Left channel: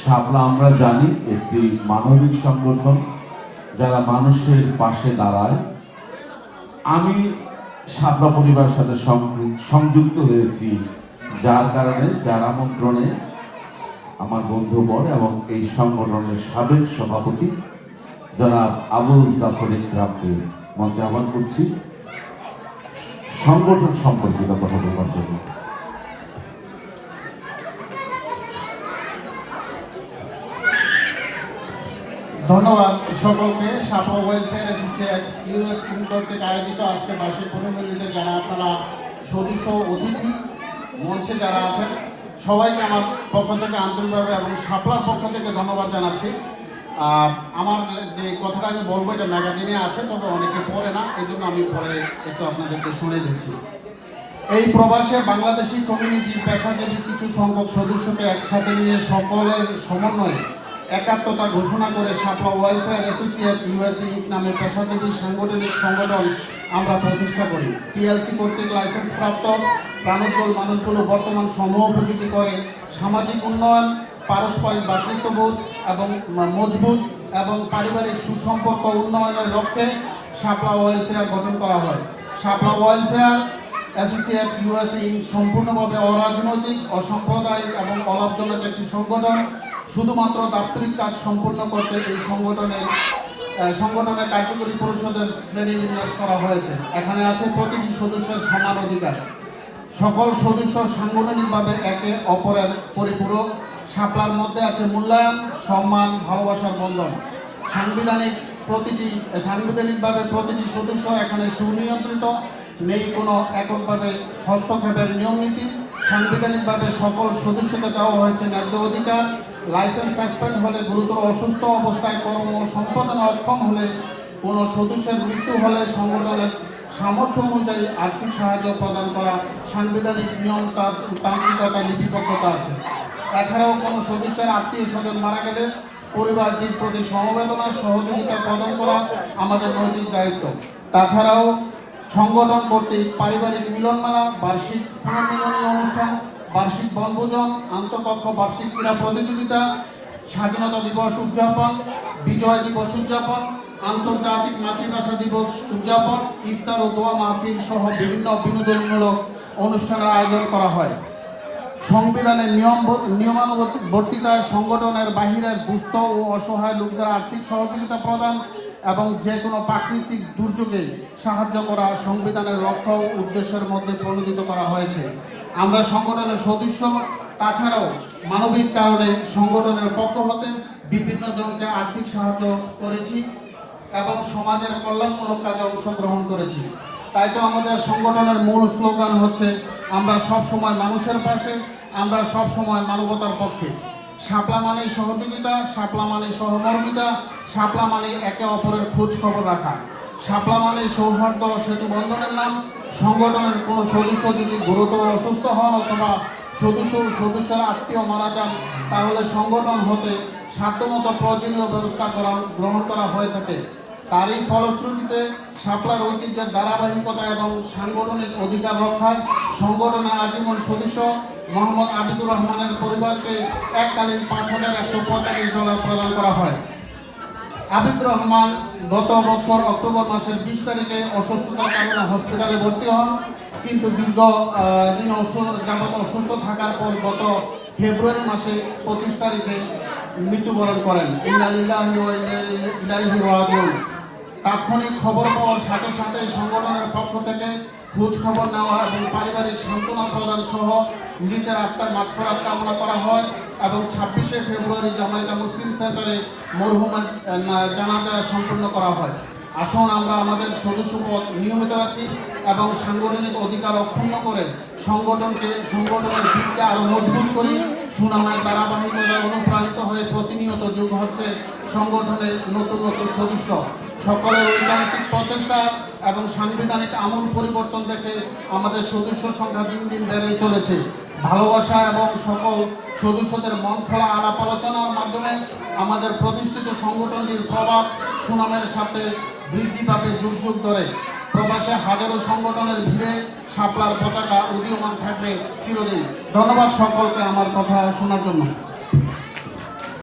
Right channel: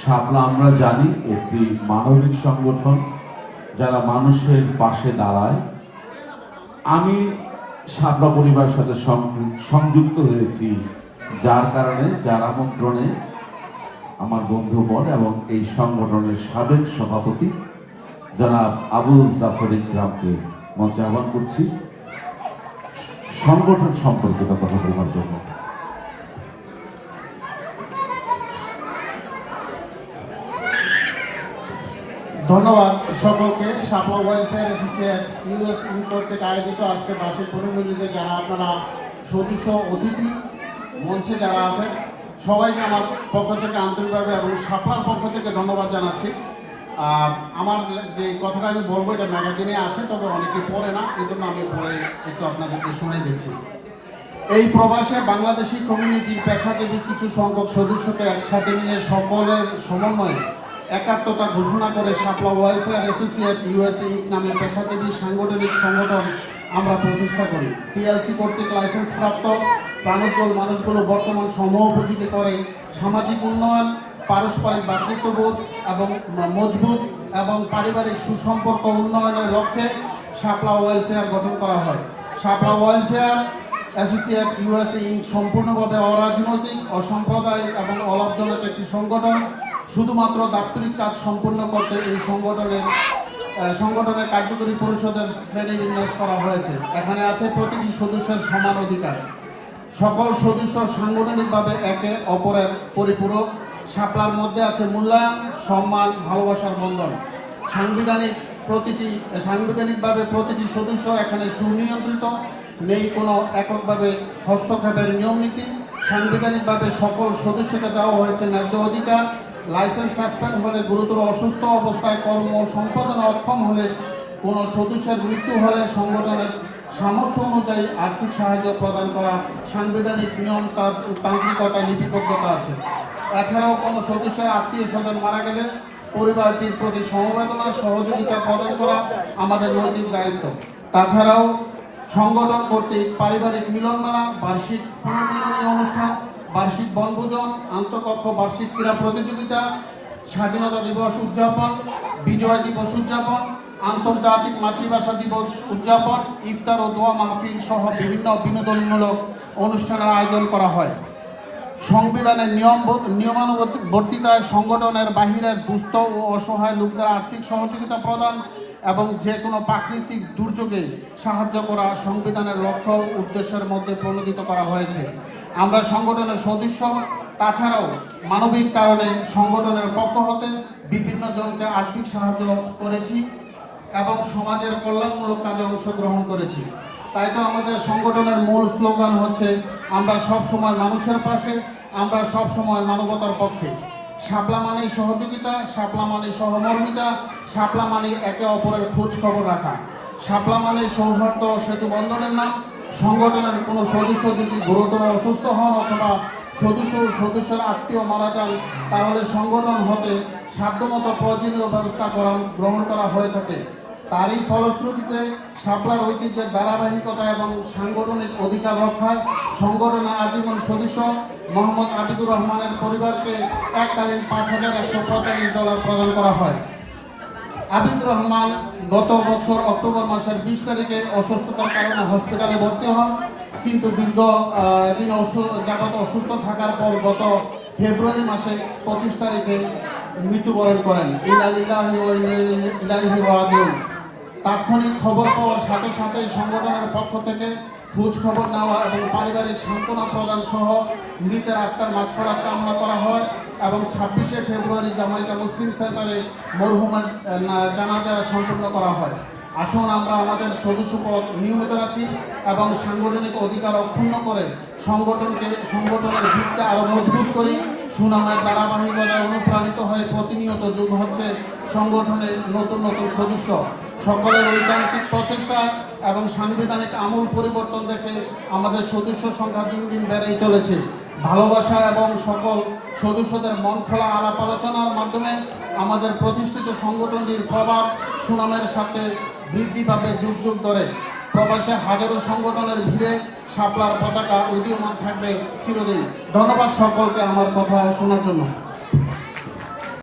শাপলা আমরা জানি একটি মানবিক সংগঠন যারা মানুষের পাশে দাঁড়ায়। আমি শাপলা পরিবারের সাথে সংযুক্ত হয়েছি যার কারণে, যার আমন্ত্রণে আমার বন্ধুবর এবং এই সংগঠনের সাবেক সভাপতি জনাব আবুল জাফর ইকরামকে মঞ্চে আহ্বান করছি সংগঠন সম্পর্কিত কথা বলার জন্য। ধন্যবাদ সকলকে। শাপলা ওয়েলফেয়ার অ্যাসোসিয়েট ইউএস কর্তৃক আয়োজিত আজকে বার্ষিক পুনর্মিলনীতে যারা আপনারা সদস্য, অতিথি, মঞ্চে যারা আছেন, সবাইকে আমার পক্ষ থেকে আন্তরিকভাবে এবং শাপলার পক্ষ থেকে ধন্যবাদ জানাচ্ছি। আমার যে কথাটা আমি বলবো এটা ম্যাগাজিনে আছে, তবে অনেকে পড়ে না, এই জন্য আমি পরে একটু আপনাদেরকে শুনে দিচ্ছি। এই প্রবাসে বাংলাদেশি কমিউনিটির পেশাজীবী কিছু সংখ্যক সদস্যকে একসাথে নিয়ে সকলের সমন্বয়ে একাত্মতা ঘোষণা করে শাপলা ওয়েলফেয়ার অ্যাসোসিয়েট ইউএসএ নামে পেশাজীবী সাংগঠনিক সংগঠন আমরা প্রতিষ্ঠা করি। টিএলসি কর্তৃক লাইসেন্স প্রাপ্ত প্রাণোজ্জ্বল মানুষগুলো বর্তমান সময়োপযোগী করে সামাজিক উন্নয়ন, পারস্পরিক ভ্রাতৃত্ববোধ এবং মজবুত এবং পারিবারিক সুসম্পর্ক উন্নয়নের লক্ষ্যে শাপলা ওয়েলফেয়ার গঠন করা হয়। শাপলা ওয়েলফেয়ার অ্যাসোসিয়েট ইউএসএ সম্পূর্ণভাবে অরাজনৈতিক, অসাম্প্রদায়িক এবং অলাভজনক একটি সংগঠন। শুধুমাত্র দাপ্তরিক কাজ সম্পূর্ণ করতে এই সংগঠনের কার্যকরী পরিষদের শ্রেণী বিন্যাস করা হয়েছে। এখানে আছে প্রতিটি সদস্যের সমান অধিকার। সকল সদস্য সাংগঠনিকভাবে একে অপরের পরিপূরক। শাপলার মধ্যে আছে মূল্যায়ন, সম্মান, ভালোবাসার বন্ধন। সাংবিধানিকভাবে প্রতিটি সদস্য এখানে সুনিয়ন্ত্রিত, নেই কোনো এককভাবে হস্তক্ষেপের নিয়ম নীতি। সাংবিধানিকভাবে সকল সদস্যকে দেওয়া হয়েছে ন্যায্য অধিকার। লাইসেন্স সাসপেন্ড হলে, গুরুতর অসুস্থ অবস্থায় কর্ম সম্পাদনে অক্ষম হলে, কোনো সদস্যের মৃত্যু হলে সংগঠনের সামর্থ্য অনুযায়ী আর্থিক সাহায্য প্রদান করা সাংবিধানিক নিয়ম তান্ত্রিকতা লিপিবদ্ধতা আছে। এছাড়াও কোনো সদস্যের আত্মীয় স্বজন মারা গেলে পরিবারটির প্রতি সমবেদনা সহযোগিতা প্রদান করা আমাদের নৈতিক দায়িত্ব। তাছাড়াও সংগঠন কর্তৃক পারিবারিক মিলনমেলা, বার্ষিক পুনর্মিলনী অনুষ্ঠান, বার্ষিক বনভোজন, আন্তঃকক্ষ বার্ষিক ক্রীড়া প্রতিযোগিতা, স্বাধীনতা দিবস উদযাপন, বিজয় দিবস উদযাপন, আন্তর্জাতিক মাতৃভাষা দিবস উদযাপন, ইফতার ও দোয়া মাহফিল সহ বিভিন্ন বিনোদনমূলক অনুষ্ঠানের আয়োজন করা হয়। সংবিধানের নিয়মানুবর্তিতায় সংগঠনের বাহিরের দুস্থ ও অসহায় লোকদের আর্থিক সহযোগিতা প্রদান এবং যে কোনো প্রাকৃতিক দুর্যোগে সাহায্য করা সংবিধানের লক্ষ্য উদ্দেশ্যের মধ্যে প্রণোদিত করা হয়েছে। আমরা সংগঠনের সদস্য, তাছাড়াও মানবিক কারণে সংগঠনের পক্ষ হতে বিভিন্ন জনকে আর্থিক সাহায্য করেছি এবং সমাজের কল্যাণমূলক কাজে অংশগ্রহণ করেছি। তাই তো আমাদের সংগঠনের মূল স্লোগান হচ্ছে, আমরা সব সময় মানুষের পাশে, আমরা সব সময় মানবতার পক্ষে। শাপলা মানে সহযোগিতা, শাপলা মানে সহমর্মিতা, শাপলা মানে একে অপরের খোঁজ খবর রাখা, শাপলা মানে সৌহার্দ্য সেতু বন্ধনের নাম। সংগঠনের কোনো সদস্য যদি গুরুতর অসুস্থ হন অথবা সদস্যের আত্মীয় মারা যান, তাহলে সংগঠন হতে সাধ্যমতো প্রয়োজনীয় ব্যবস্থা গ্রহণ করা হয়ে থাকে। তারই ফলশ্রুতিতে শাপলার ঐতিহ্যের ধারাবাহিকতা এবং সাংগঠনিক অধিকার রক্ষায় সংগঠনের আজীবন সদস্য মোহাম্মদ আবিদুর রহমানের পরিবারকে এককালীন $৫,১৪৫ প্রদান করা হয়। আবিদুর রহমান গত বছর অক্টোবর মাসের 20 তারিখে অসুস্থতার কারণে হসপিটালে ভর্তি হন, কিন্তু দীর্ঘদিন যাবৎ অসুস্থ থাকার পর গত ফেব্রুয়ারি মাসে 25 তারিখে মৃত্যুবরণ করেন। ইন্না লিল্লাহি ওয়া ইন্না ইলাইহি রাজিউন। তাৎক্ষণিক খবর পাওয়ার সাথে সাথে সংগঠনের পক্ষ থেকে খোঁজ খবর নেওয়া এবং পারিবারিক সান্ত্বনা প্রদান সহ মৃতের আত্মার মাগফিরাত কামনা করা হয় এবং 26শে ফেব্রুয়ারি জামাইকা মুসলিম সেন্টারে মরহুমের জানাজা সম্পন্ন করা হয়। আসুন আমরা আমাদের সদস্যপদ নিয়মিত রাখি এবং সাংগঠনিক অধিকার অক্ষুণ্ণ করে সংগঠনের ভিতকে আরও মজবুত করি। সুনামের ধারাবাহিকতায় অনুপ্রাণিত হয়ে প্রতিনিয়ত যোগ হচ্ছে সংগঠনের নতুন নতুন সদস্য। সকলের ঐকান্তিক প্রচেষ্টা এবং সাংবিধানিক আমূল পরিবর্তন দেখে আমাদের সদস্য সংখ্যা দিন দিন বেড়েই চলেছে। ভালোবাসা এবং সকল সদস্যদের মন খোলা আলাপ আলোচনার মাধ্যমে আমাদের প্রতিষ্ঠিত সংগঠনটির প্রভাব সুনামের সাথে বৃদ্ধি পাবে যুগ যুগ ধরে। প্রবাসে হাজারো সংগঠনের ভিড়ে শাপলার পতাকা উদীয়মান থাকবে চিরদিন। ধন্যবাদ সকলকে আমার কথা শোনার জন্য।